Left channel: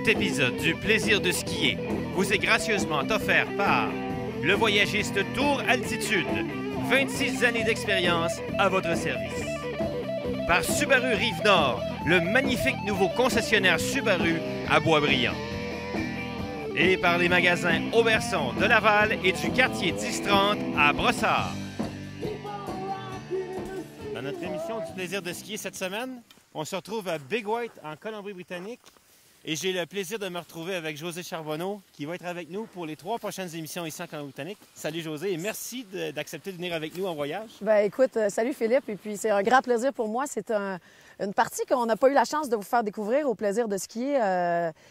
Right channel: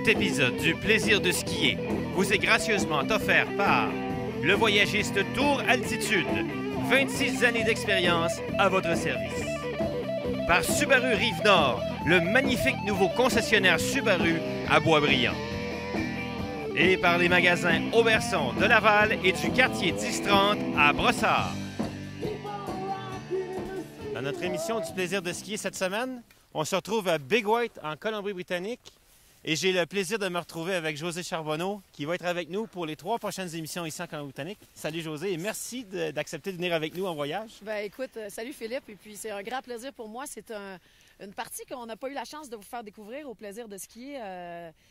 Cet épisode du plaisir de skier vous est gracieusement offert par le Voyagiste Tour Altitude. 26 années d'expérience à votre service. Par Subaru Rive-Nord, le magnifique nouveau concessionnaire Subaru à Boisbriand. Et par les magasins Auberson de Laval et du quartier 1030 à Brossard. Dans notre émission du plaisir de skier cette semaine, on se retrouve à Big White en Colombie-Britannique. Et j'ai le plaisir de me retrouver avec José Charbonneau qui va être avec nous pour les 3 prochaines émissions ici en Colombie-Britannique. Salut José et merci d'accepter de venir avec nous en voyage. Ben écoute, salut Philippe, et puis c'est un grand plaisir pour moi. C'est une partie qu'on n'a pas eu la chance de vous faire découvrir au plaisir de skier,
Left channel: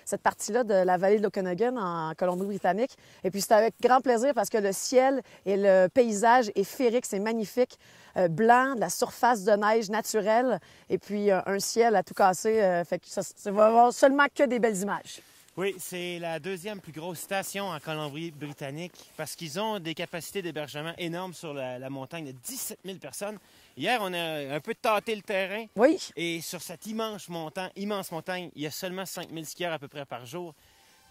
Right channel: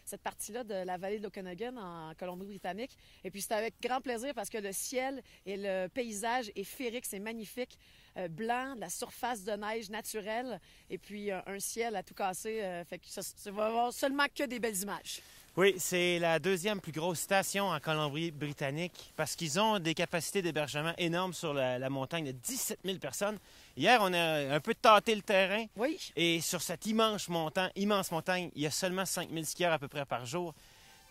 cette partie-là de la vallée de l'Okanagan en Colombie-Britannique. Et puis c'est avec grand plaisir parce que le ciel et le paysage est féerique, c'est magnifique. Blanc, de la surface de neige naturelle et puis un ciel à tout casser. Fait que ça va avoir seulement que des belles images. Oui, c'est la deuxième plus grosse station en Colombie-Britannique parce qu'ils ont des capacités d'hébergement énormes sur la montagne de 17 000 personnes. Hier, on a un peu tâté le terrain. Oui. Et sur cette immense montagne, il y a seulement 5 000 skieurs à peu près par jour.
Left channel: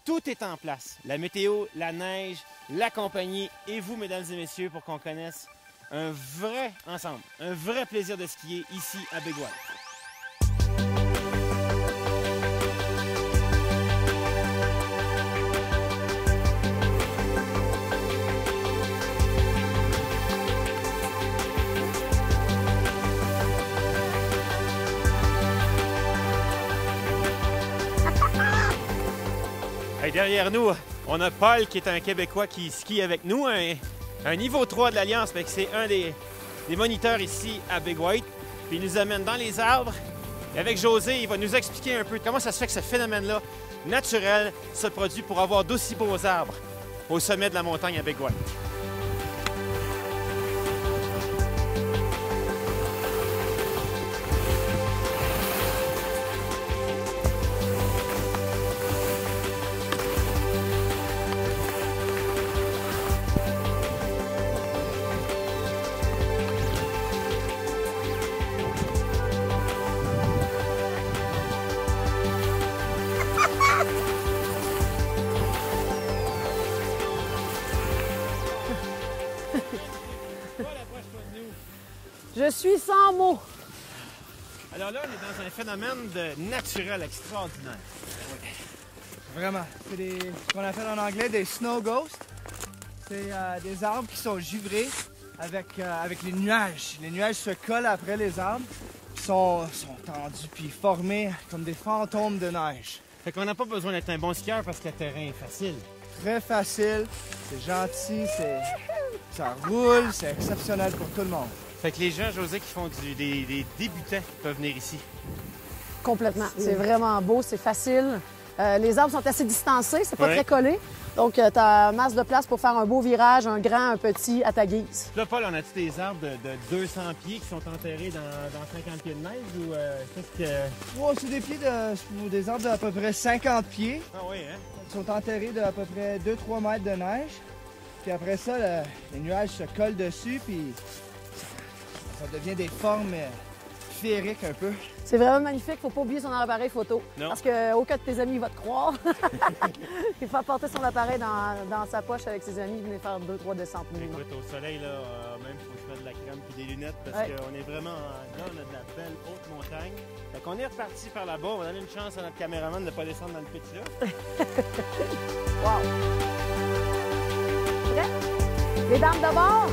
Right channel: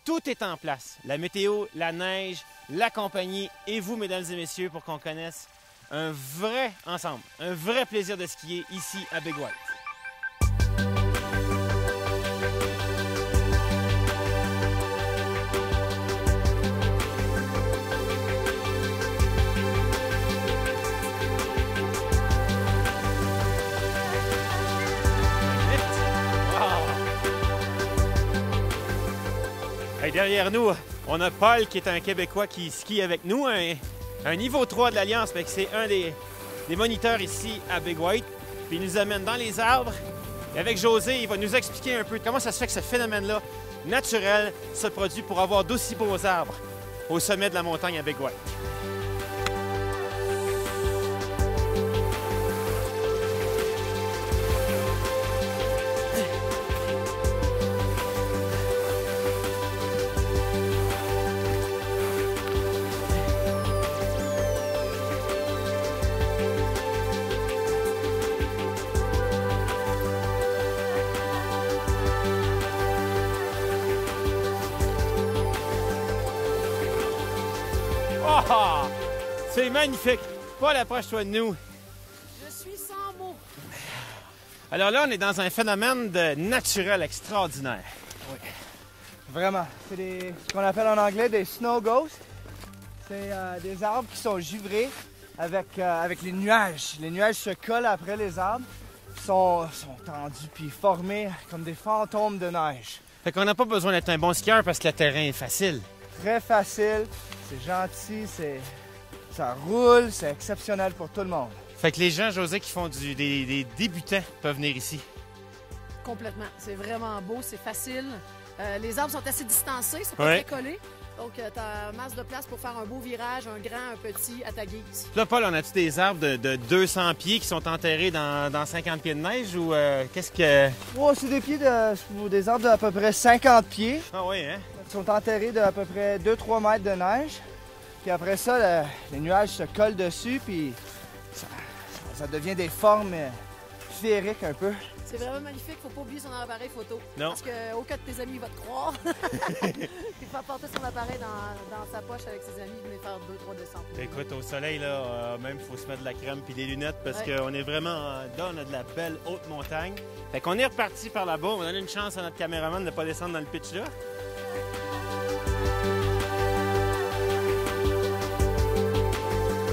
Tout est en place. La météo, la neige, la compagnie et vous, mesdames et messieurs, pour qu'on connaisse un vrai ensemble, un vrai plaisir de skier ici à Big White. Hey, derrière nous, on a Paul qui est un Québécois qui skie avec nous, un niveau 3 de l'Alliance, mais c'est un des moniteurs ici à Big White. Puis il nous amène dans les arbres. Et avec José, il va nous expliquer un peu comment ça se fait que ce phénomène-là, naturel, se produit pour avoir d'aussi beaux arbres au sommet de la montagne à Big White. C'est magnifique! Paul, approche-toi de nous. Je suis sans mots. Alors là, on est dans un phénomène de naturel extraordinaire. Oui. Vraiment. C'est ce qu'on appelle en anglais des snow ghosts. C'est des arbres qui sont givrés avec les nuages. Les nuages se collent après les arbres, sont tendus puis formés comme des fantômes de neige. Fait qu'on n'a pas besoin d'être un bon skieur parce que le terrain est facile. Très facile, c'est gentil, ça roule, c'est exceptionnel pour tout le monde. Fait que les gens, José, qui font des débutants peuvent venir ici. Complètement. C'est vraiment beau, c'est facile. Les arbres sont assez distancés, c'est pas très collé. Donc, tu as masse de place pour faire un beau virage, un grand, un petit, à ta guise. Là, Paul, on a-tu des arbres de 200 pieds qui sont enterrés dans 50 pieds de neige ou qu'est-ce que... Oh, c'est des arbres d'à peu près 50 pieds. Ah oui, hein? Ils sont enterrés d'à peu près 2-3 mètres de neige. Puis après ça, les nuages se collent dessus, puis ça devient des formes féeriques un peu. C'est vraiment magnifique. Faut pas oublier son appareil photo. Non. Parce qu'aucun de tes amis va te croire. Il faut apporter son appareil dans sa poche avec ses amis et venir faire 2-3 descentes. Écoute, au soleil, là, même, il faut se mettre de la crème puis des lunettes parce qu'on est vraiment là, on a de la belle haute montagne. Fait qu'on est reparti par là-bas. On va donner une chance à notre caméraman de ne pas descendre dans le pitch là. Wow. Les dames de bord!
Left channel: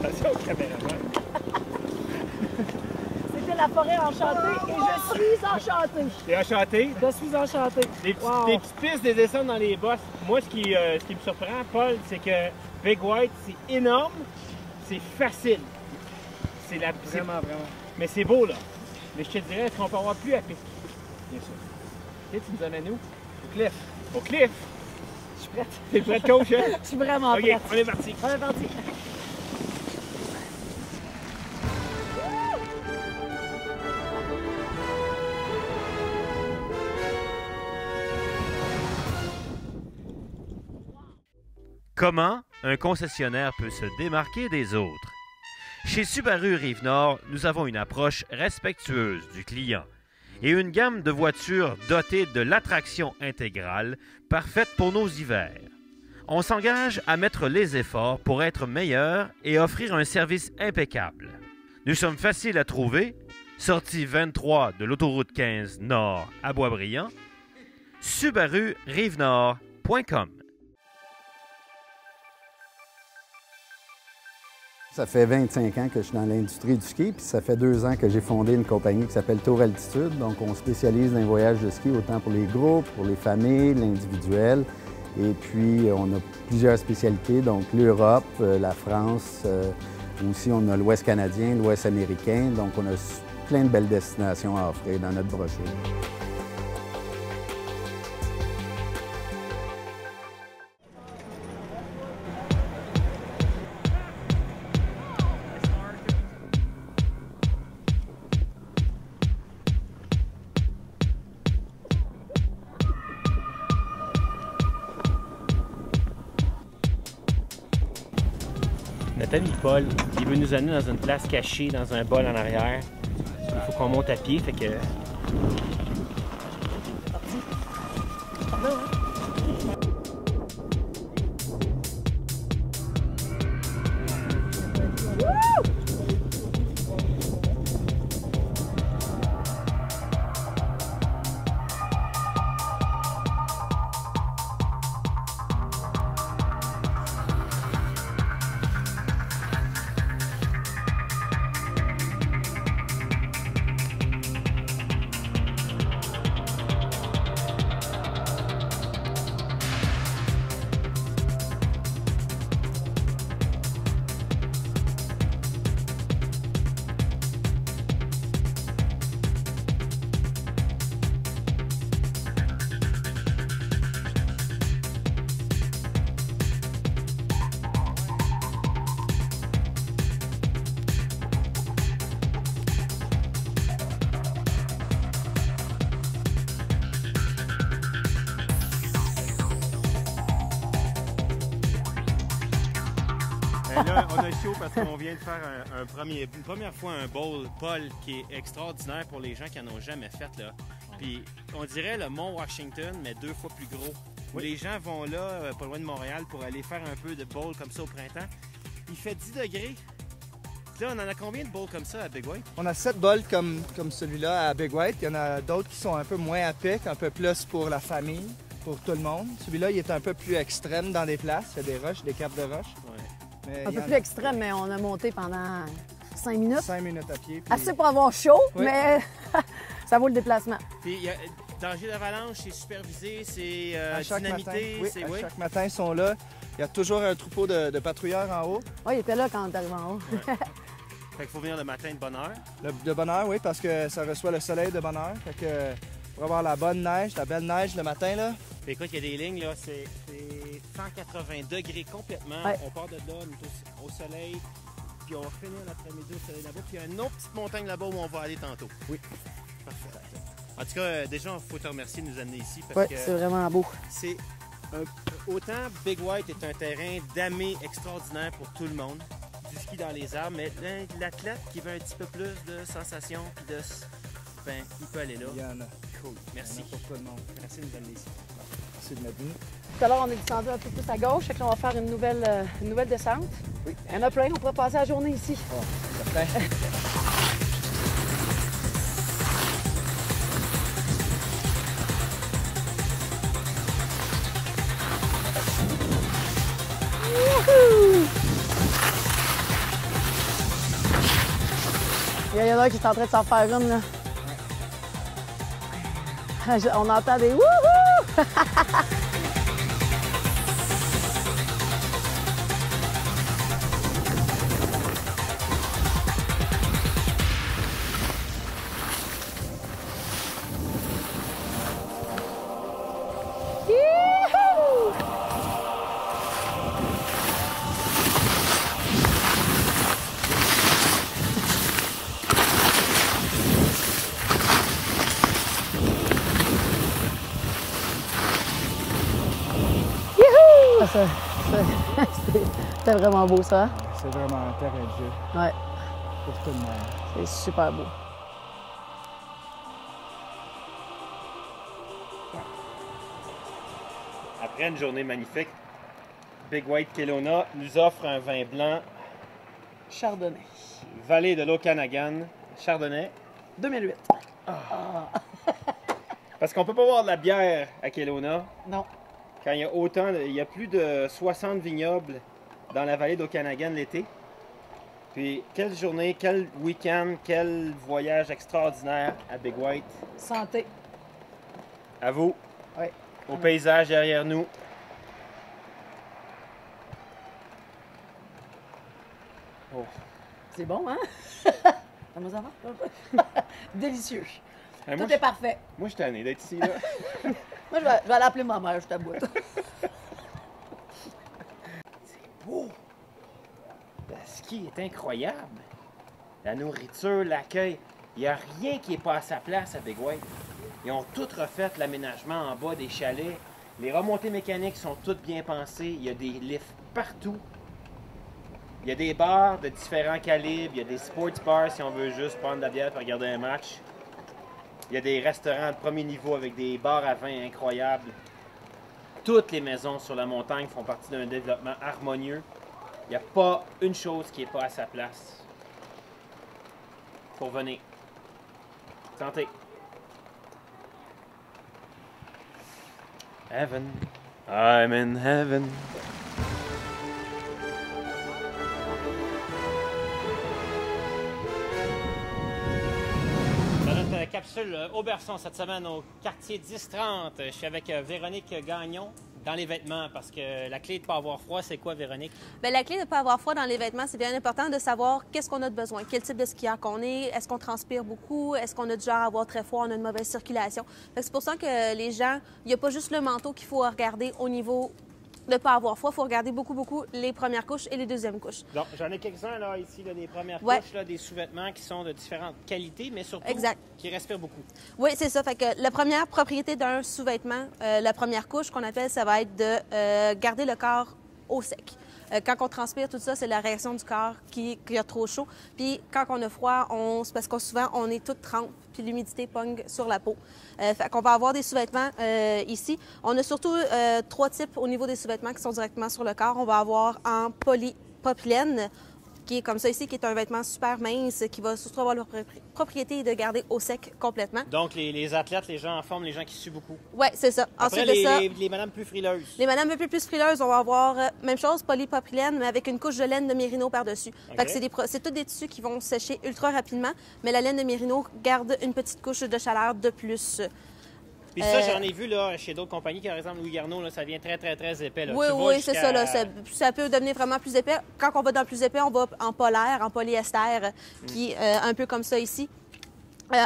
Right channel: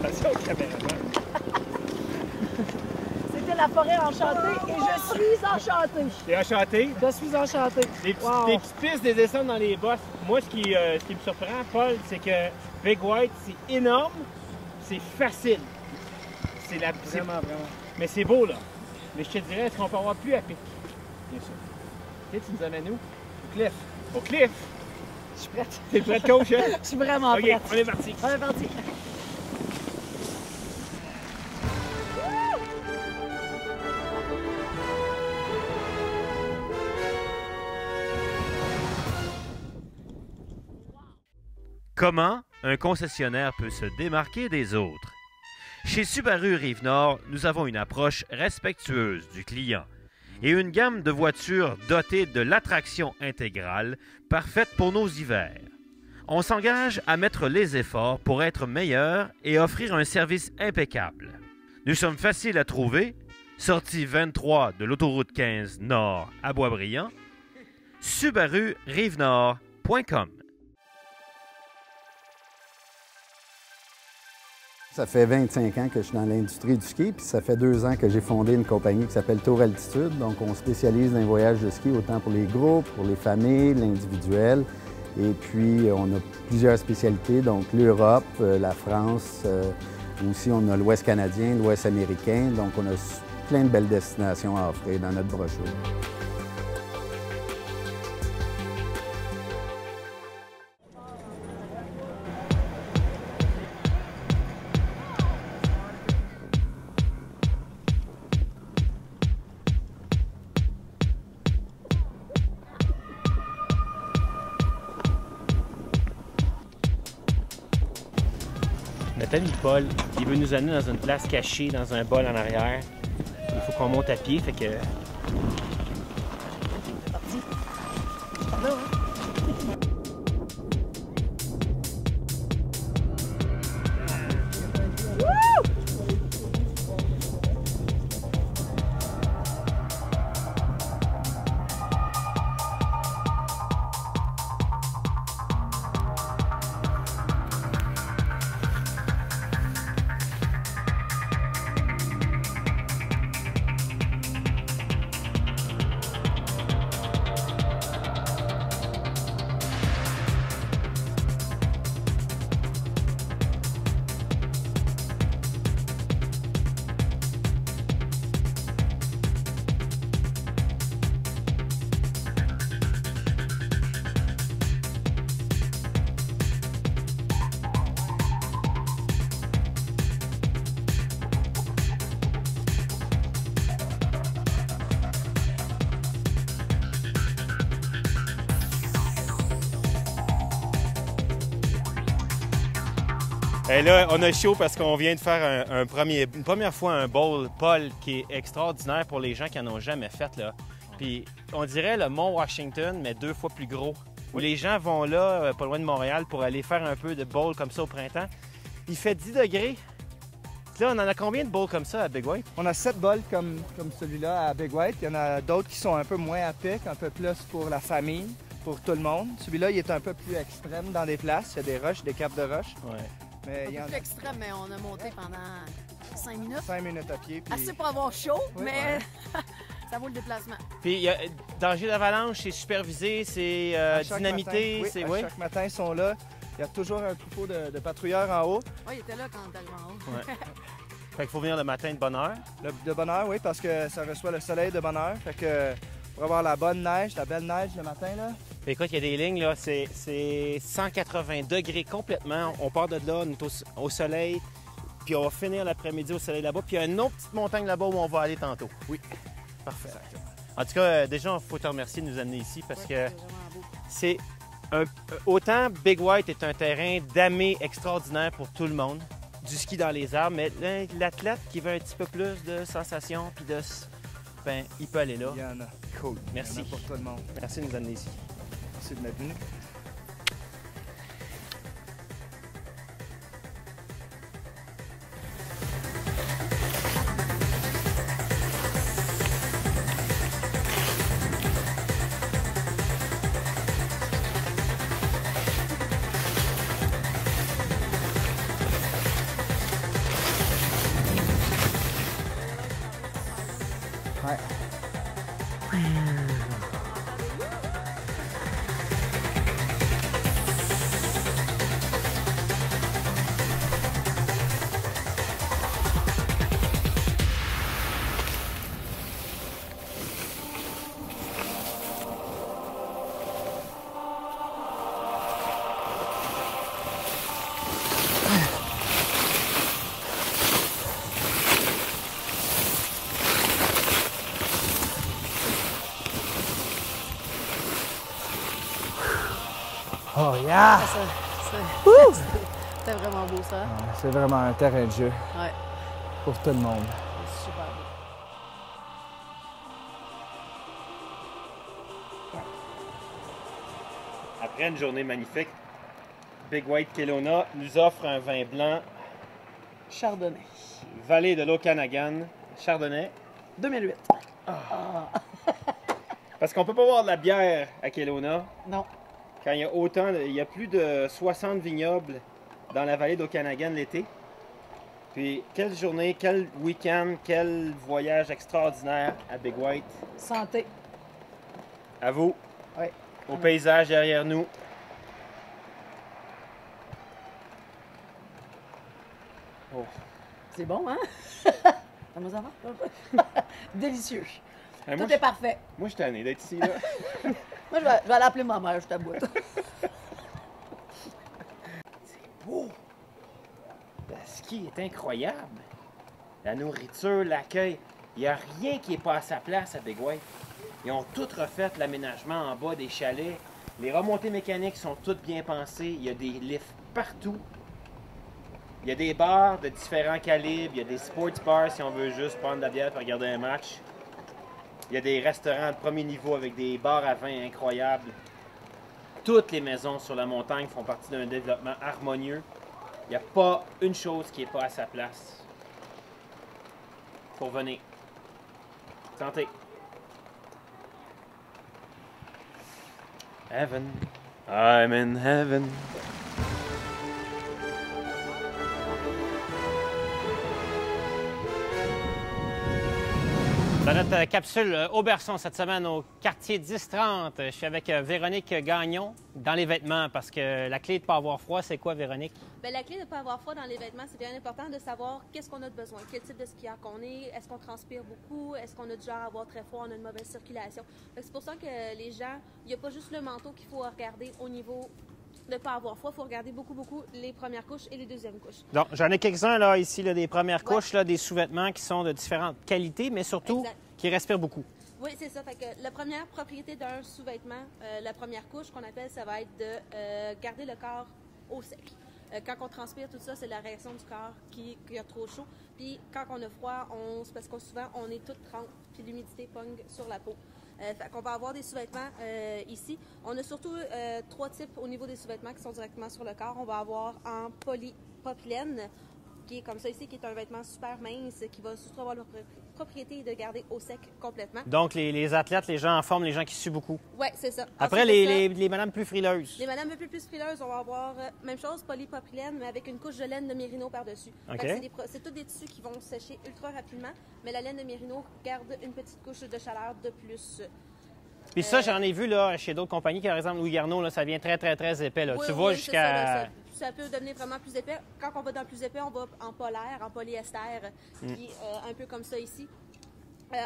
Attention au caméraman. C'était la forêt enchantée et je suis enchantée. T'es enchanté? Je suis enchantée. Des petites pistes, des descentes dans les bosses. Moi, ce qui me surprend, Paul, c'est que Big White, c'est énorme, c'est facile. C'est vraiment. Mais c'est beau, là. Mais je te dirais, est-ce qu'on peut avoir plus à pic? Bien sûr. OK, tu nous amènes où? Au cliff. Au cliff? Je suis prête. T'es prête, coach, hein? Je suis vraiment OK, prête. on est parti. On est parti. Comment un concessionnaire peut se démarquer des autres? Chez Subaru Rive-Nord, nous avons une approche respectueuse du client et une gamme de voitures dotées de l'attraction intégrale parfaite pour nos hivers. On s'engage à mettre les efforts pour être meilleurs et offrir un service impeccable. Nous sommes faciles à trouver, sortie 23 de l'autoroute 15 Nord à Boisbriand, subarurivenord.com. Ça fait 25 ans que je suis dans l'industrie du ski, puis ça fait 2 ans que j'ai fondé une compagnie qui s'appelle Tour Altitude. Donc, on spécialise dans les voyages de ski, autant pour les groupes, pour les familles, l'individuel. Et puis, on a plusieurs spécialités, donc l'Europe, la France, aussi on a l'Ouest canadien, l'Ouest américain. Donc, on a plein de belles destinations à offrir dans notre brochure. Notre ami Paul, il veut nous amener dans une place cachée, dans un bol en arrière. Il faut qu'on monte à pied, fait que... Et là, on a chaud parce qu'on vient de faire une première fois un bowl Paul qui est extraordinaire pour les gens qui n'en ont jamais fait. Là. Puis on dirait le Mont Washington, mais 2 fois plus gros. Où les gens vont là, pas loin de Montréal, pour aller faire un peu de bowl comme ça au printemps. Il fait 10 degrés. Là, on en a combien de bowls comme ça à Big White? On a 7 bowls comme celui-là à Big White. Il y en a d'autres qui sont un peu moins à pic, un peu plus pour la famille, pour tout le monde. Celui-là, il est un peu plus extrême dans des places. Il y a des roches, des capes de roches. Ouais. Un peu plus extrême, mais on a monté pendant 5 minutes. 5 minutes à pied. Puis... Assez pour avoir chaud, oui. Mais ça vaut le déplacement. Puis il y a danger d'avalanche, c'est supervisé, c'est dynamité. Matin, oui, chaque matin, ils sont là. Il y a toujours un troupeau de patrouilleurs en haut. Oui, il était là quand on est arrivé en haut. Ouais. Fait qu'il faut venir le matin de bonne heure. De bonne heure, oui, parce que ça reçoit le soleil de bonne heure. Fait que pour avoir la bonne neige, la belle neige le matin, là. Écoute, il y a des lignes, là, c'est 180 degrés complètement. Ouais. On part de là, on est au soleil, puis on va finir l'après-midi au soleil là-bas. Puis il y a une autre petite montagne là-bas où on va aller tantôt. Oui. Parfait. En tout cas, déjà, il faut te remercier de nous amener ici parce Oui, que c'est vraiment beau. c'est autant Big White est un terrain damé extraordinaire pour tout le monde, du ski dans les arbres, mais l'athlète qui veut un petit peu plus de sensations puis ben, il peut aller là. Il y en a. Cool. Merci. Il y en a pour tout le monde. Merci de nous amener ici. Merci de m'être venu. Tout à l'heure, on est descendu un peu plus à gauche, et on va faire une nouvelle descente. Il y en a plein, on pourrait passer la journée ici. Il y en a qui sont en train de s'en faire une, là. Ouais. On entend des wouhou! C'était vraiment beau, ça. Hein? C'est vraiment un terrain de jeu Ouais, pour tout le monde. c'est super beau. Après une journée magnifique, Big White Kelowna nous offre un vin blanc Chardonnay. Vallée de l'Okanagan, Chardonnay. 2008. Parce qu'on peut pas boire de la bière à Kelowna Non. quand il y a plus de 60 vignobles dans la vallée d'Okanagan l'été. Puis quelle journée, quel week-end, quel voyage extraordinaire à Big White. Santé. À vous, Oui. au paysage derrière nous. Oh. C'est bon, hein? Comment ça va? Délicieux. Hey, Tout moi, est parfait. Moi, je suis tanné d'être ici, là. Moi, je vais aller appeler ma mère, je t'aboute. Beau! Le ski est incroyable. La nourriture, l'accueil. Il n'y a rien qui n'est pas à sa place à Big White. Ils ont tout refait l'aménagement en bas des chalets. Les remontées mécaniques sont toutes bien pensées. Il y a des lifts partout. Il y a des bars de différents calibres. Il y a des sports bars si on veut juste prendre de la bière et regarder un match. Il y a des restaurants de premier niveau avec des bars à vin incroyables. Toutes les maisons sur la montagne font partie d'un développement harmonieux. Il n'y a pas une chose qui n'est pas à sa place. Pour venir. Santé. Heaven. I'm in heaven. Dans notre capsule Auberçon cette semaine au quartier 1030, je suis avec Véronique Gagnon dans les vêtements parce que la clé de ne pas avoir froid, c'est quoi, Véronique? Bien, la clé de ne pas avoir froid dans les vêtements, c'est bien important de savoir qu'est-ce qu'on a de besoin, quel type de skieur qu'on est, est-ce qu'on transpire beaucoup, est-ce qu'on a du genre à avoir très froid, on a une mauvaise circulation. C'est pour ça que les gens, il n'y a pas juste le manteau qu'il faut regarder au niveau de ne pas avoir froid, il faut regarder beaucoup les premières couches et les deuxièmes couches. Donc, j'en ai quelques-uns là, ici, là, des premières Ouais. couches, là, des sous-vêtements qui sont de différentes qualités, mais surtout Exact. qui respirent beaucoup. Oui, c'est ça. Fait que la première propriété d'un sous-vêtement, la première couche qu'on appelle, ça va être de garder le corps au sec. Quand on transpire, tout ça, c'est la réaction du corps qui a trop chaud. Puis quand on a froid, c'est parce que souvent, on est tout trempe, puis l'humidité pogne sur la peau. Fait qu'on va avoir des sous-vêtements ici. On a surtout 3 types au niveau des sous-vêtements qui sont directement sur le corps. On va avoir en polypropylène, qui est comme ça ici, qui est un vêtement super mince, qui va surtout avoir la propriété de garder au sec complètement. Donc, les athlètes, les gens en forme, les gens qui suent beaucoup. Oui, c'est ça. Après, Ensuite de ça, les madames plus frileuses. les madames un peu plus frileuses, on va avoir même chose, polypropylène, mais avec une couche de laine de mérino par-dessus. OK. Fait que c'est tous des tissus qui vont sécher ultra rapidement, mais la laine de mérino garde une petite couche de chaleur de plus. Puis ça, j'en ai vu là, chez d'autres compagnies, par exemple Louis Garneau, là, ça devient très Oui, épais. Là. Tu oui, vois, c'est jusqu'à- ça. Là, ça peut devenir vraiment plus épais. Quand on va dans le plus épais, on va en polaire, en polyester, qui est un peu comme ça ici.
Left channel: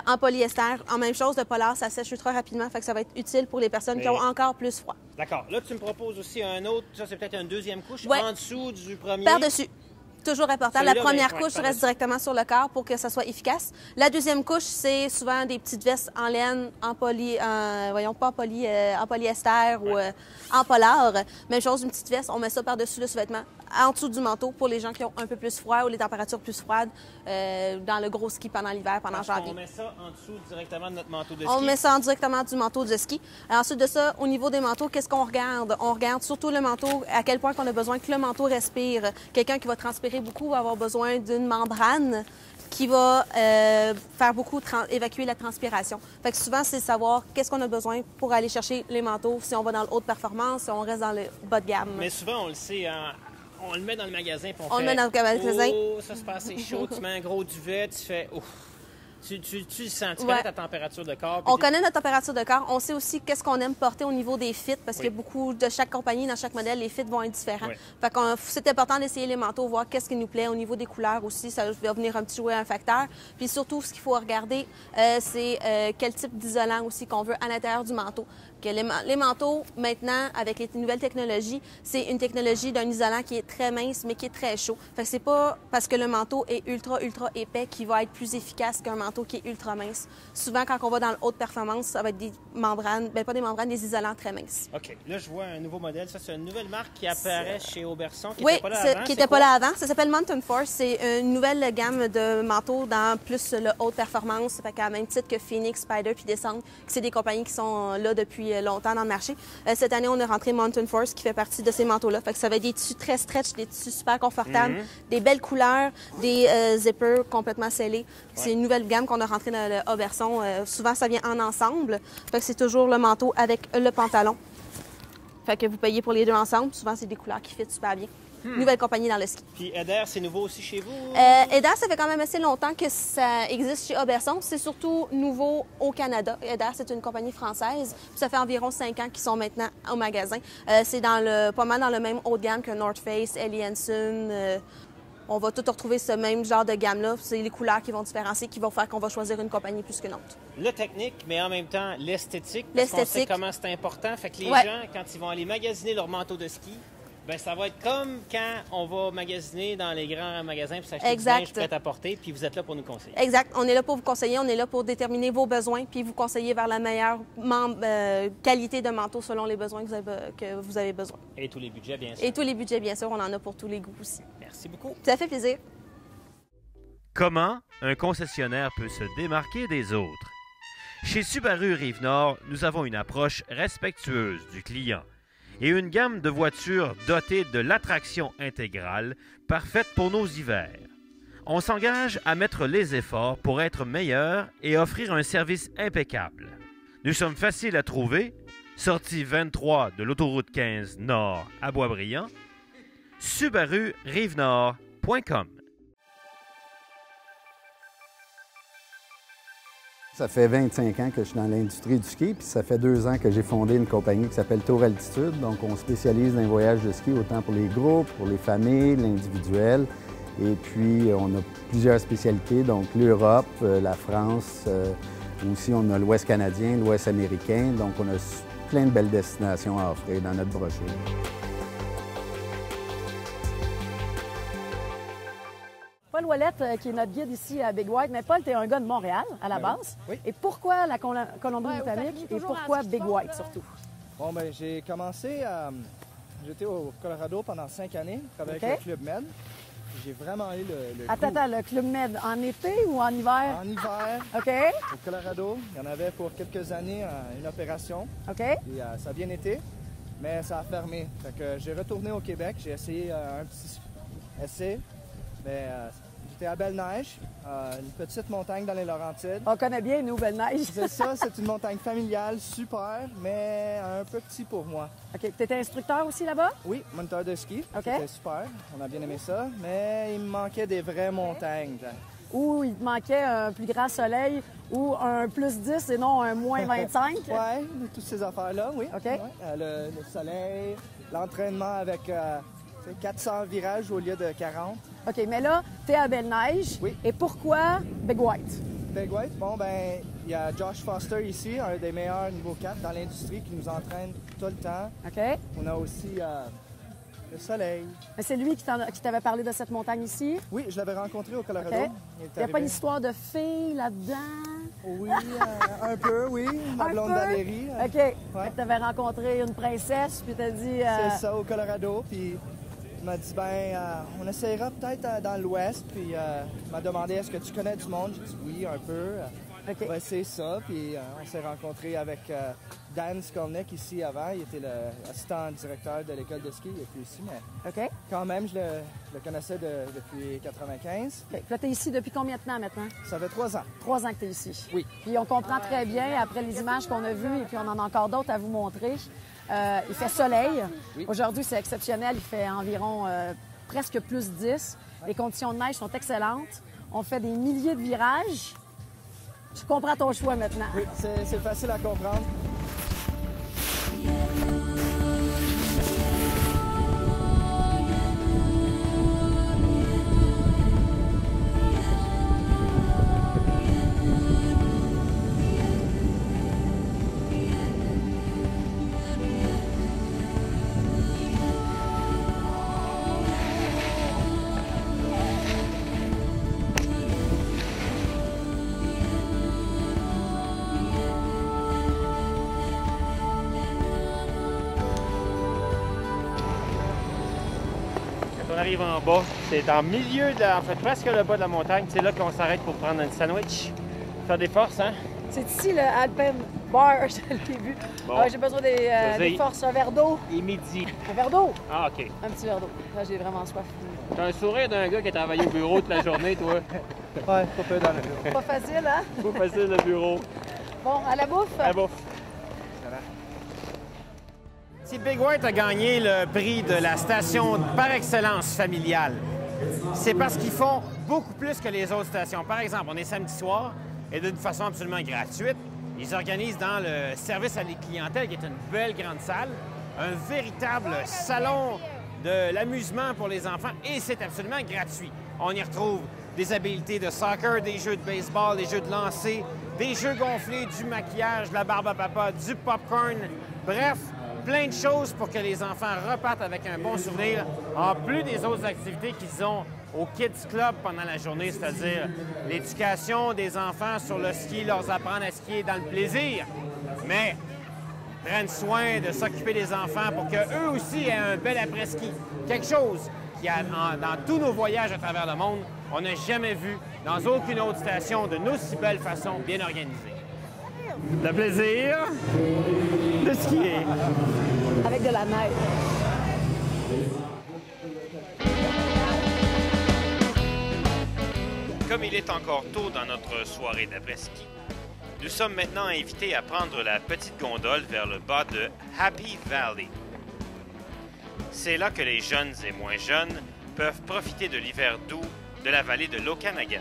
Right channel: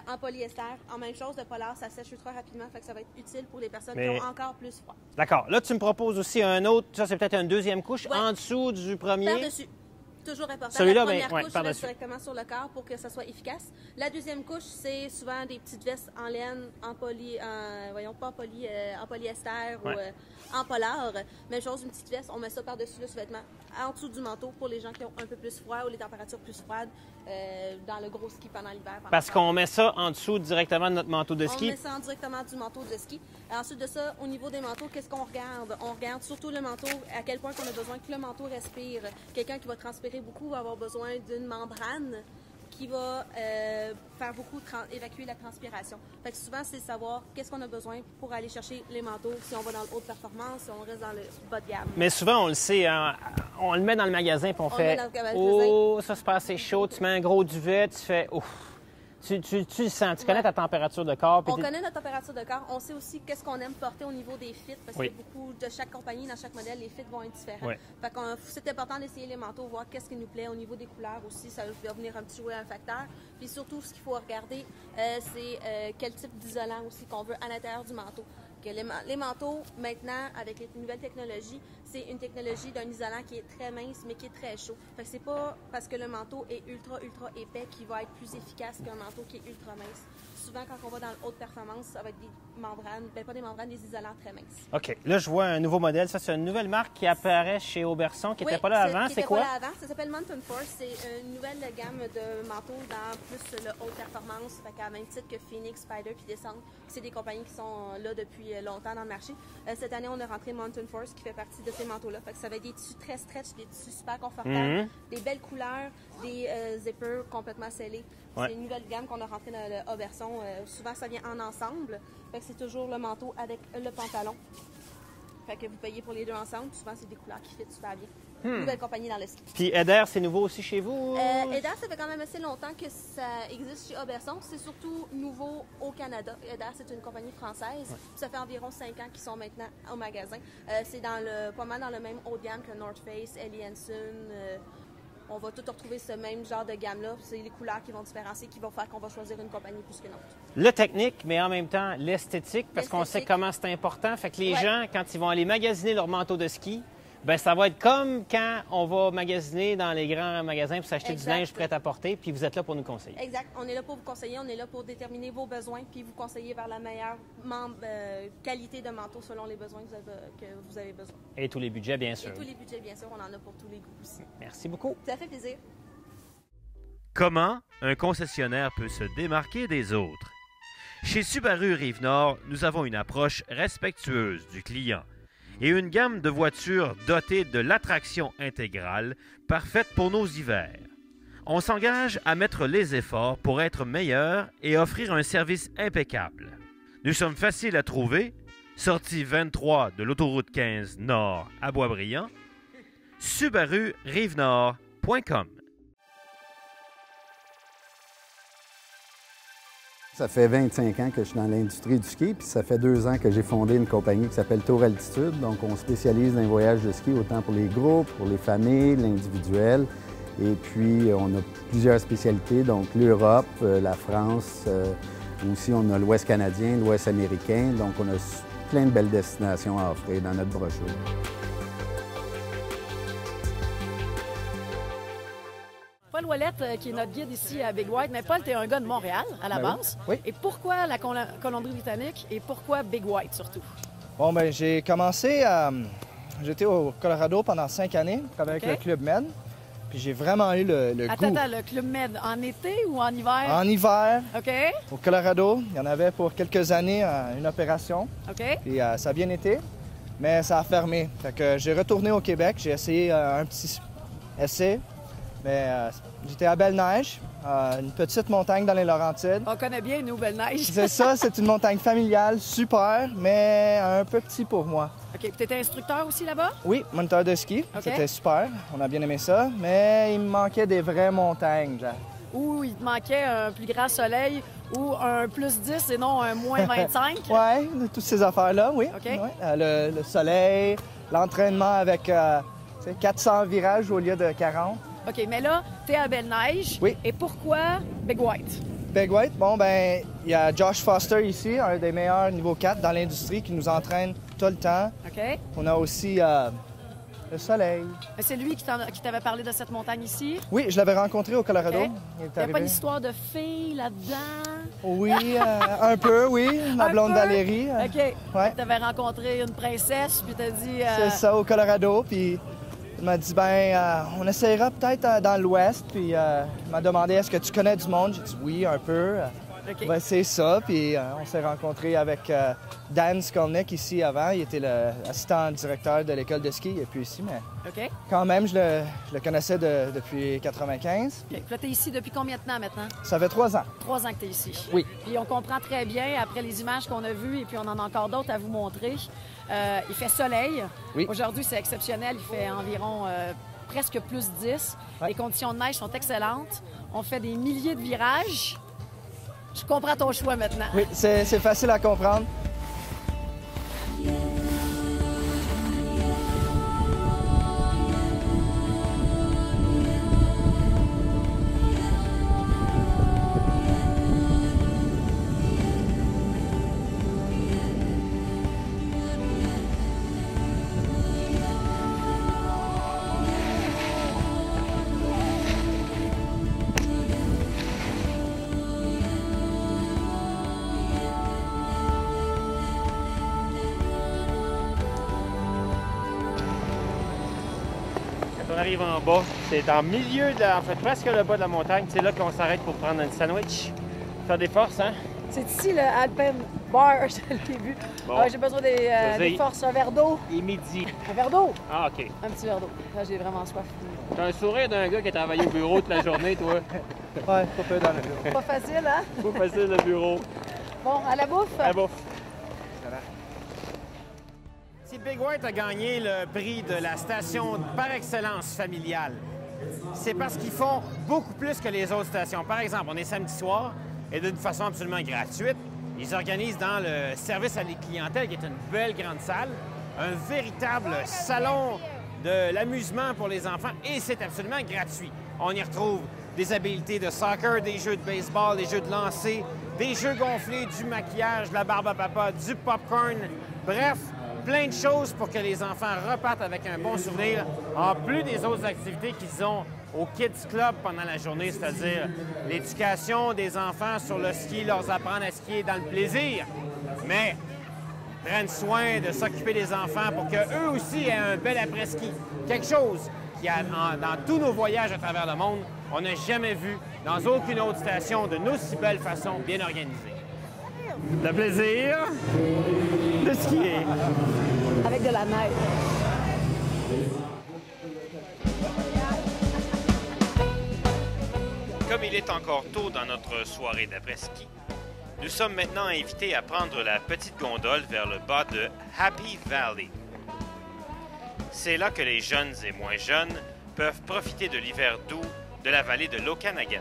En polyester, en même chose, le polaire, ça sèche ultra rapidement, fait que ça va être utile pour les personnes qui ont encore plus froid. D'accord. Là, tu me proposes aussi un autre, ça c'est peut-être une deuxième couche, Ouais. en dessous du premier. Par-dessus. Toujours important. La Celui-là, première mais- ouais, couche par-dessus. reste directement sur le corps pour que ça soit efficace. La deuxième couche, c'est souvent des petites vestes en laine, en polyester ou en polar. Même chose, une petite veste, on met ça par-dessus le sous-vêtement, en dessous du manteau pour les gens qui ont un peu plus froid ou les températures plus froides dans le gros ski pendant l'hiver. Parce qu'on met ça en dessous directement de notre manteau de ski. On met ça directement du manteau de ski. Ensuite de ça, au niveau des manteaux, qu'est-ce qu'on regarde? On regarde surtout le manteau, à quel point on a besoin que le manteau respire. Quelqu'un qui va transpirer beaucoup va avoir besoin d'une membrane qui va faire beaucoup évacuer la transpiration. Fait que souvent, c'est savoir qu'est-ce qu'on a besoin pour aller chercher les manteaux, si on va dans le haute performance, si on reste dans le bas de gamme. Mais souvent, on le sait, hein, on le met dans le magasin puis on fait... le met dans le magasin. Oh, ça se passe, c'est chaud. Tu mets un gros duvet, tu fais... Ouf. Tu le sens, tu connais Ouais. ta température de corps. puis On connaît notre température de corps. On sait aussi qu'est-ce qu'on aime porter au niveau des fits parce Oui. qu'il y a beaucoup de chaque compagnie, dans chaque modèle, les fits vont être différents. Oui. Fait qu'on c'est important d'essayer les manteaux, voir qu'est-ce qui nous plaît au niveau des couleurs aussi. Ça va venir un petit jouer un facteur. Puis surtout, ce qu'il faut regarder, c'est quel type d'isolant aussi qu'on veut à l'intérieur du manteau. que les manteaux, maintenant, avec les nouvelles technologies, c'est une technologie d'un isolant qui est très mince, mais qui est très chaud. Fait que c'est pas parce que le manteau est ultra épais qu'il va être plus efficace qu'un manteau qui est ultra mince. Souvent, quand on va dans le haute performance, ça va être des membranes, bien pas des membranes, des isolants très minces. OK. Là, je vois un nouveau modèle. Ça, c'est une nouvelle marque qui apparaît chez Auberson, qui Oui, n'était pas là avant. qui n'était pas là avant. Ça s'appelle Mountain Force. C'est une nouvelle gamme de manteaux dans plus le haute performance, fait qu'à même titre que Phoenix, Spider puis Descent, c'est des compagnies qui sont là depuis longtemps dans le marché. Cette année, on a rentré Mountain Force qui fait partie de ces manteaux-là. Fait que ça va être des tissus très stretch, des tissus super confortables, des belles couleurs, des zippers complètement scellés. Ouais. C'est une nouvelle gamme qu'on a rentrée dans le Auberson. Souvent, ça vient en ensemble. Fait que c'est toujours le manteau avec le pantalon. Fait que vous payez pour les deux ensemble. Souvent, c'est des couleurs qui fit super bien. Nouvelle compagnie dans le ski. Puis Eder, c'est nouveau aussi chez vous? Eder, ça fait quand même assez longtemps que ça existe chez Auberson. C'est surtout nouveau au Canada. Eder, c'est une compagnie française. Puis ça fait environ 5 ans qu'ils sont maintenant au magasin. C'est pas mal dans le même haut de gamme que North Face, Helly Hansen. On va tout retrouver ce même genre de gamme-là. C'est les couleurs qui vont différencier, qui vont faire qu'on va choisir une compagnie plus qu'une autre. Le technique, mais en même temps l'esthétique, parce qu'on sait comment c'est important. Fait que les gens, quand ils vont aller magasiner leur manteau de ski, bien, ça va être comme quand on va magasiner dans les grands magasins pour s'acheter du linge prêt à porter, puis vous êtes là pour nous conseiller. Exact. On est là pour vous conseiller, on est là pour déterminer vos besoins, puis vous conseiller vers la meilleure qualité de manteau selon les besoins que vous avez besoin. Et tous les budgets, bien sûr. Et tous les budgets, bien sûr. On en a pour tous les goûts aussi. Merci beaucoup. Ça fait plaisir. Comment un concessionnaire peut se démarquer des autres? Chez Subaru Rive-Nord, nous avons une approche respectueuse du client et une gamme de voitures dotées de l'attraction intégrale parfaite pour nos hivers. On s'engage à mettre les efforts pour être meilleurs et offrir un service impeccable. Nous sommes faciles à trouver, sortie 23 de l'autoroute 15 Nord à Boisbriand, subarurivenord.com. Ça fait 25 ans que je suis dans l'industrie du ski, puis ça fait 2 ans que j'ai fondé une compagnie qui s'appelle Tour Altitude. Donc, on spécialise dans les voyages de ski, autant pour les groupes, pour les familles, l'individuel. Et puis, on a plusieurs spécialités, donc l'Europe, la France, aussi on a l'Ouest canadien, l'Ouest américain. Donc, on a plein de belles destinations à offrir dans notre brochure. Paul Ouellette, qui est notre guide ici à Big White. Mais Paul, tu es un gars de Montréal, à la base. Oui. Et pourquoi la Colombie-Britannique et pourquoi Big White, surtout? Bon, ben j'ai commencé à... J'étais au Colorado pendant 5 années, avec le Club Med. Puis j'ai vraiment eu le goût. Attends, le Club Med, en été ou en hiver? En hiver, OK. au Colorado, il y en avait pour quelques années une opération. OK. Et ça a bien été, mais ça a fermé. Fait que j'ai retourné au Québec, j'ai essayé un petit essai. Mais j'étais à Belle-Neige, une petite montagne dans les Laurentides. On connaît bien, nous, Belle-Neige. C'est ça, c'est une montagne familiale, super, mais un peu petit pour moi. OK. Tu étais instructeur aussi là-bas? Oui, moniteur de ski, c'était super, on a bien aimé ça, mais il me manquait des vraies montagnes. Genre. Ou il te manquait un plus grand soleil ou un plus 10 et non un moins 25? Oui, toutes ces affaires-là, oui. OK. Ouais. Le soleil, l'entraînement avec 400 virages au lieu de 40. OK, mais là, tu es à Belle-Neige. Oui. Et pourquoi Big White? Big White, bon, ben, il y a Josh Foster ici, un des meilleurs niveau 4 dans l'industrie qui nous entraîne tout le temps. OK. On a aussi le soleil. Mais c'est lui qui t'avait parlé de cette montagne ici? Oui, je l'avais rencontré au Colorado. OK. Il est Il n'y a pas arrivé. une histoire de fille là-dedans? Oui, un peu, oui. Ma blonde peu? Valérie. OK. Ouais. Tu avais rencontré une princesse, puis t'as dit... C'est ça, au Colorado. Puis il m'a dit, on essaiera peut-être dans l'Ouest. Puis il m'a demandé, est-ce que tu connais du monde? J'ai dit, oui, un peu. OK. Ben, c'est ça. Puis on s'est rencontrés avec Dan Skolnick ici avant. Il était l'assistant directeur de l'école de ski. Et puis ici, mais OK. quand même, je le connaissais depuis 95. OK. Puis là, t'es ici depuis combien de temps maintenant? Ça fait 3 ans. 3 ans que t'es ici. Oui. Puis on comprend très bien, après les images qu'on a vues, et puis on en a encore d'autres à vous montrer, il fait soleil. Oui. Aujourd'hui, c'est exceptionnel. Il fait environ presque plus 10. Ouais. Les conditions de neige sont excellentes. On fait des milliers de virages. Je comprends ton choix maintenant. Oui, c'est facile à comprendre. arrive en bas. C'est en milieu, en fait, presque le bas de la montagne. C'est là qu'on s'arrête pour prendre un sandwich. Faire des forces, hein? C'est ici le Alpen Bar, je l'ai vu. Bon. Ah, j'ai besoin des forces, un verre d'eau. Et midi. Un verre d'eau? Ah, OK. Un petit verre d'eau. Là, j'ai vraiment soif. T'as un sourire d'un gars qui a travaillé au bureau toute la journée, toi. Ouais, pas peu dans le bureau. Pas facile, hein? Pas facile, le bureau. Bon, à la bouffe? À la bouffe. Si Big White a gagné le prix de la station par excellence familiale, c'est parce qu'ils font beaucoup plus que les autres stations. Par exemple, on est samedi soir et d'une façon absolument gratuite, ils organisent dans le service à la clientèle, qui est une belle grande salle, un véritable salon de l'amusement pour les enfants et c'est absolument gratuit. On y retrouve des habiletés de soccer, des jeux de baseball, des jeux de lancer, des jeux gonflés, du maquillage, de la barbe à papa, du popcorn, bref, plein de choses pour que les enfants repartent avec un bon souvenir, en plus des autres activités qu'ils ont au Kids Club pendant la journée, c'est-à-dire l'éducation des enfants sur le ski, leur apprendre à skier dans le plaisir, mais prennent soin de s'occuper des enfants pour qu'eux aussi aient un bel après-ski. Quelque chose qui, dans tous nos voyages à travers le monde, on n'a jamais vu dans aucune autre station d'une aussi belle façon bien organisée. Le plaisir de skier. Avec de la neige. Comme il est encore tôt dans notre soirée d'après-ski, nous sommes maintenant invités à prendre la petite gondole vers le bas de Happy Valley. C'est là que les jeunes et moins jeunes peuvent profiter de l'hiver doux de la vallée de l'Okanagan.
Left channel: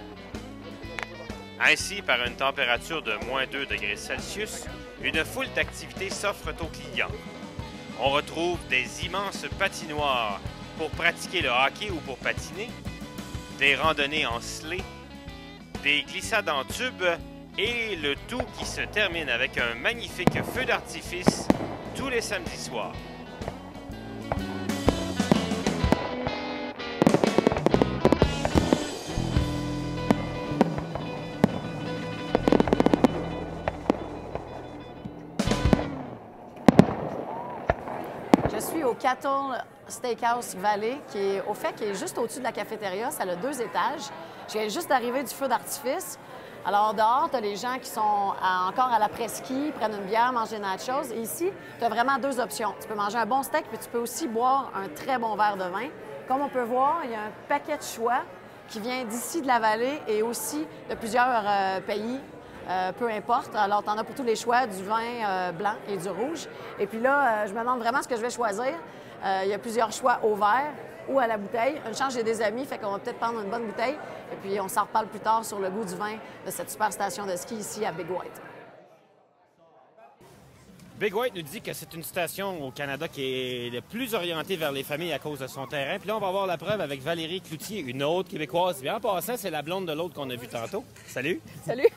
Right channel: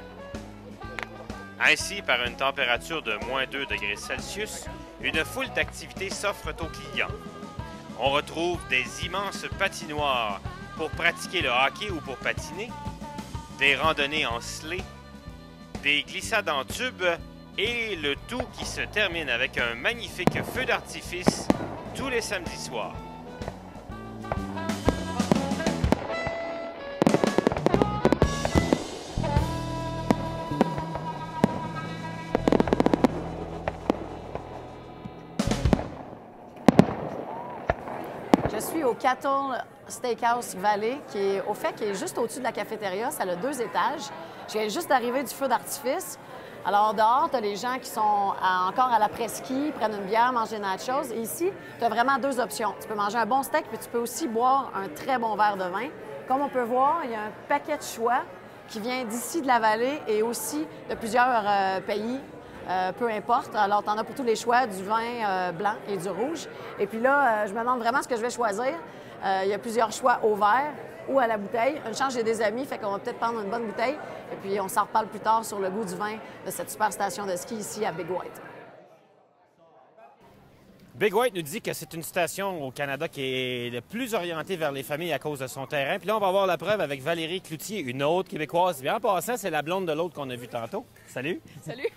Ainsi, par une température de moins 2 degrés Celsius, une foule d'activités s'offrent aux clients. On retrouve des immenses patinoires pour pratiquer le hockey ou pour patiner, des randonnées en sleigh, des glissades en tube et le tout qui se termine avec un magnifique feu d'artifice tous les samedis soirs. Je suis au Cattle Steakhouse Valley, qui est juste au-dessus de la cafétéria. Ça a 2 étages. Je viens juste d'arriver du feu d'artifice. Alors, dehors, tu as les gens qui sont encore à l'après-ski, prennent une bière, mangent des nachos. Et ici, tu as vraiment 2 options. Tu peux manger un bon steak, puis tu peux aussi boire un très bon verre de vin. Comme on peut voir, il y a un paquet de choix qui vient d'ici de la vallée et aussi de plusieurs pays. Peu importe. Alors, tu en as pour tous les choix, du vin blanc et du rouge. Et puis là, je me demande vraiment ce que je vais choisir. Il y a plusieurs choix au verre ou à la bouteille. Une chance, j'ai des amis, fait qu'on va peut-être prendre une bonne bouteille. Et puis, on s'en reparle plus tard sur le goût du vin de cette super station de ski ici à Big White. Big White nous dit que c'est une station au Canada qui est le plus orientée vers les familles à cause de son terrain. Puis là, on va avoir la preuve avec Valérie Cloutier, une autre Québécoise. Bien, en passant, c'est la blonde de l'autre qu'on a vu tantôt. Salut! Salut!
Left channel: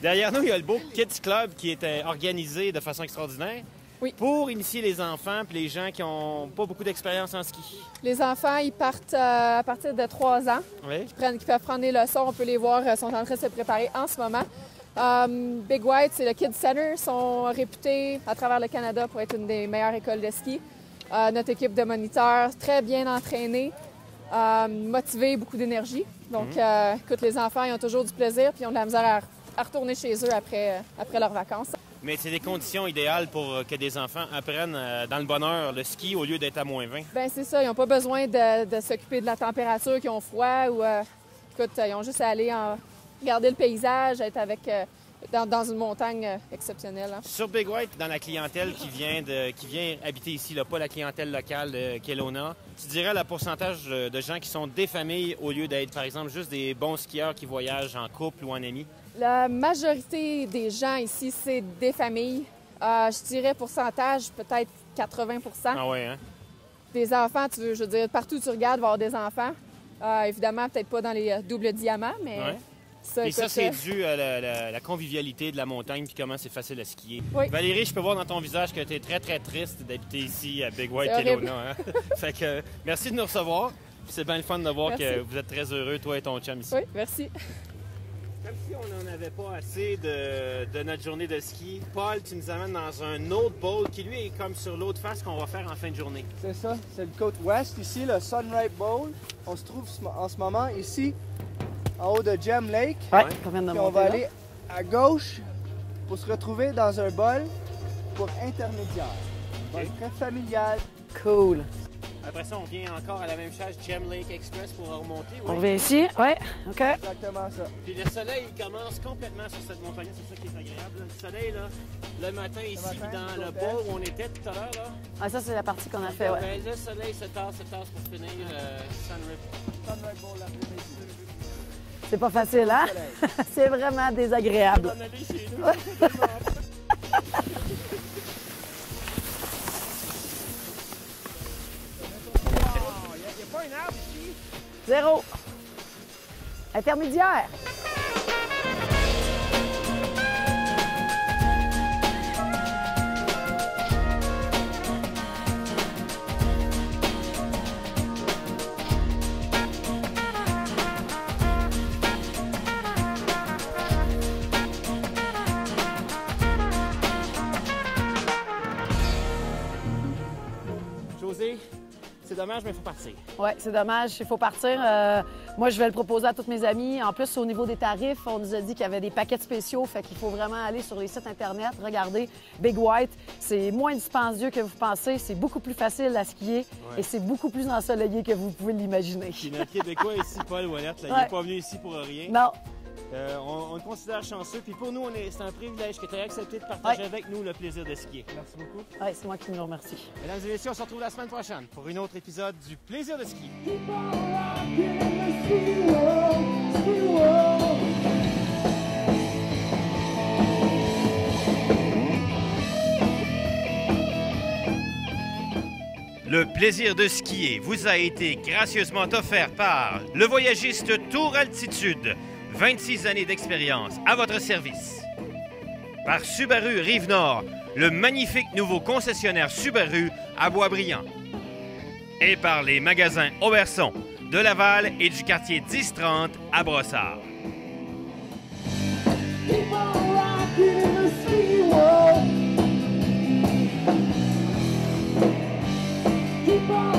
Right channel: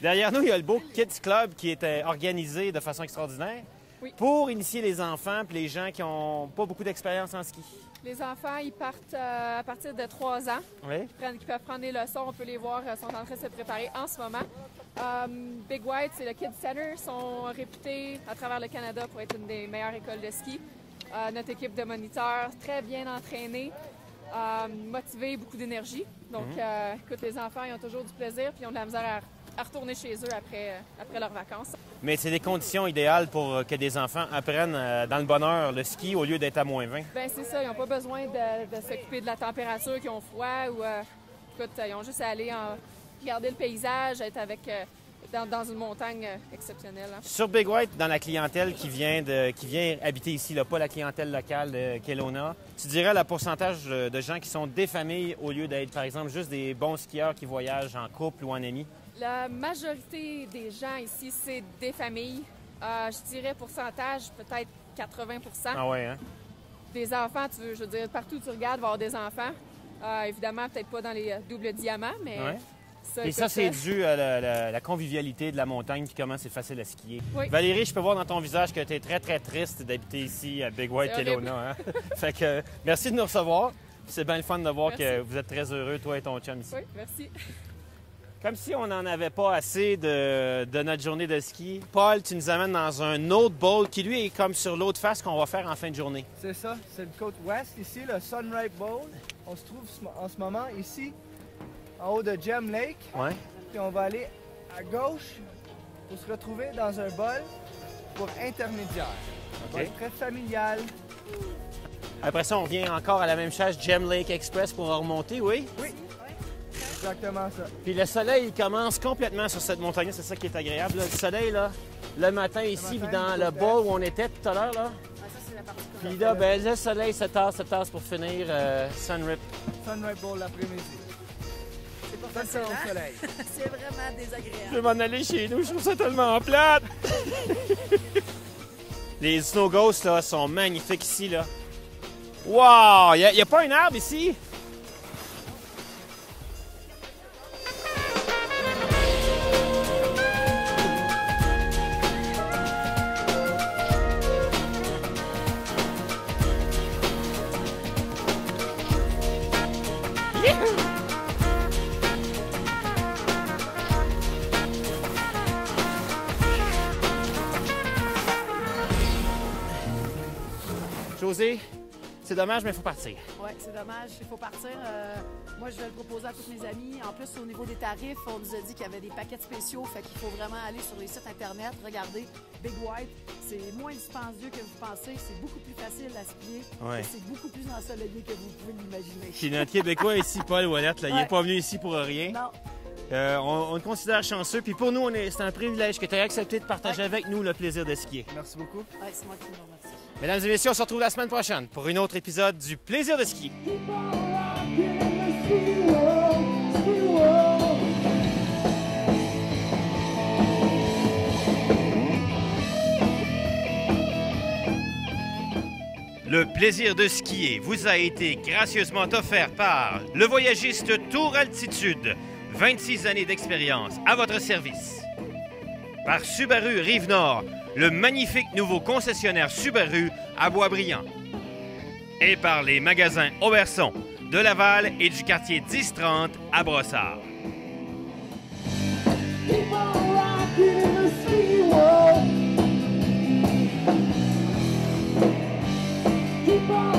Derrière nous, il y a le beau Kids Club qui est organisé de façon extraordinaire. Oui. Pour initier les enfants et les gens qui n'ont pas beaucoup d'expérience en ski. Les enfants, ils partent à partir de 3 ans. Oui. Qui peuvent prendre des leçons. On peut les voir, sont en train de se préparer en ce moment. Big White, c'est le Kids Center. Ils sont réputés à travers le Canada pour être une des meilleures écoles de ski. Notre équipe de moniteurs, très bien entraînée, motivée, beaucoup d'énergie. Donc, écoute, les enfants, ils ont toujours du plaisir puis ils ont de la misère à retourner chez eux après leurs vacances. Mais c'est des conditions idéales pour que des enfants apprennent dans le bonheur le ski au lieu d'être à moins 20. Bien, c'est ça. Ils n'ont pas besoin de s'occuper de la température, qu'ils ont froid ou... écoute, ils ont juste à aller regarder le paysage, être dans une montagne exceptionnelle. Hein. Sur Big White, dans la clientèle qui vient habiter ici, là, pas la clientèle locale de Kelowna, tu dirais le pourcentage de gens qui sont des familles au lieu d'être, par exemple, juste des bons skieurs qui voyagent en couple ou en amis? La majorité des gens ici, c'est des familles. Je dirais pourcentage, peut-être 80 %. Ah ouais, hein? Des enfants, je veux dire, partout où tu regardes, il va y avoir des enfants. Évidemment, peut-être pas dans les doubles diamants, mais... Ouais. Ça, et ça, c'est dû à la convivialité de la montagne puis comment c'est facile à skier. Oui. Valérie, je peux voir dans ton visage que tu es très, très triste d'habiter ici à Big White, Kelowna. Hein? Fait que merci de nous recevoir. C'est bien le fun de voir que vous êtes très heureux, toi et ton chum ici. Oui, merci. Comme si on n'en avait pas assez de notre journée de ski. Paul, tu nous amènes dans un autre bowl qui, lui, est comme sur l'autre face qu'on va faire en fin de journée. C'est ça, c'est le côte ouest. Ici, le Sunrise Bowl. On se trouve en ce moment ici, en haut de Gem Lake. Ouais, on vient de Puis on monter va là. aller à gauche pour se retrouver dans un bol pour intermédiaire. Un bol très familial. Cool. Après ça, on revient encore à la même chose, Gem Lake Express pour remonter, On oui. vient ici, ouais, OK. Exactement ça. Puis le soleil, il commence complètement sur cette montagne, c'est ça qui est agréable. Là. Le soleil, là, le matin ici, puis dans le bois où on était tout à l'heure, là. Ah, ça, c'est la partie qu'on a Puis fait. là, Ouais. ben, le soleil se tasse pour finir Sunrip. Sunrise Bowl l'après-midi. C'est pas facile, hein? C'est vraiment Je désagréable. vais en aller chez nous, je trouve ça tellement plate. Les Snow Ghosts là, sont magnifiques ici. Là. Wow! Il n'y a pas un arbre ici? Zéro. Intermédiaire. José, c'est dommage, mais il faut partir. Oui, c'est dommage, il faut partir. Moi, je vais le proposer à tous mes amis. En plus, au niveau des tarifs, on nous a dit qu'il y avait des paquets spéciaux, fait qu'il faut vraiment aller sur les sites Internet, regarder Big White. C'est moins dispendieux que vous pensez, c'est beaucoup plus facile à skier Ouais. et c'est beaucoup plus ensoleillé que vous pouvez l'imaginer. Puis notre Québécois ici, Paul Ouellette, là, il Ouais. n'est pas venu ici pour rien. Non, On le considère chanceux. Puis pour nous, c'est un privilège que tu aies accepté de partager Ouais. avec nous le plaisir de skier. Merci beaucoup. ouais, c'est moi qui vous remercie. Mesdames et messieurs, on se retrouve la semaine prochaine pour un autre épisode du plaisir de ski. Le plaisir de skier vous a été gracieusement offert par le voyagiste Tour Altitude. 26 années d'expérience à votre service. Par Subaru Rive-Nord, le magnifique nouveau concessionnaire Subaru à Boisbriand. Et par les magasins Auberson de Laval et du quartier 1030 à Brossard. Keep on rocking in the ski world. Keep on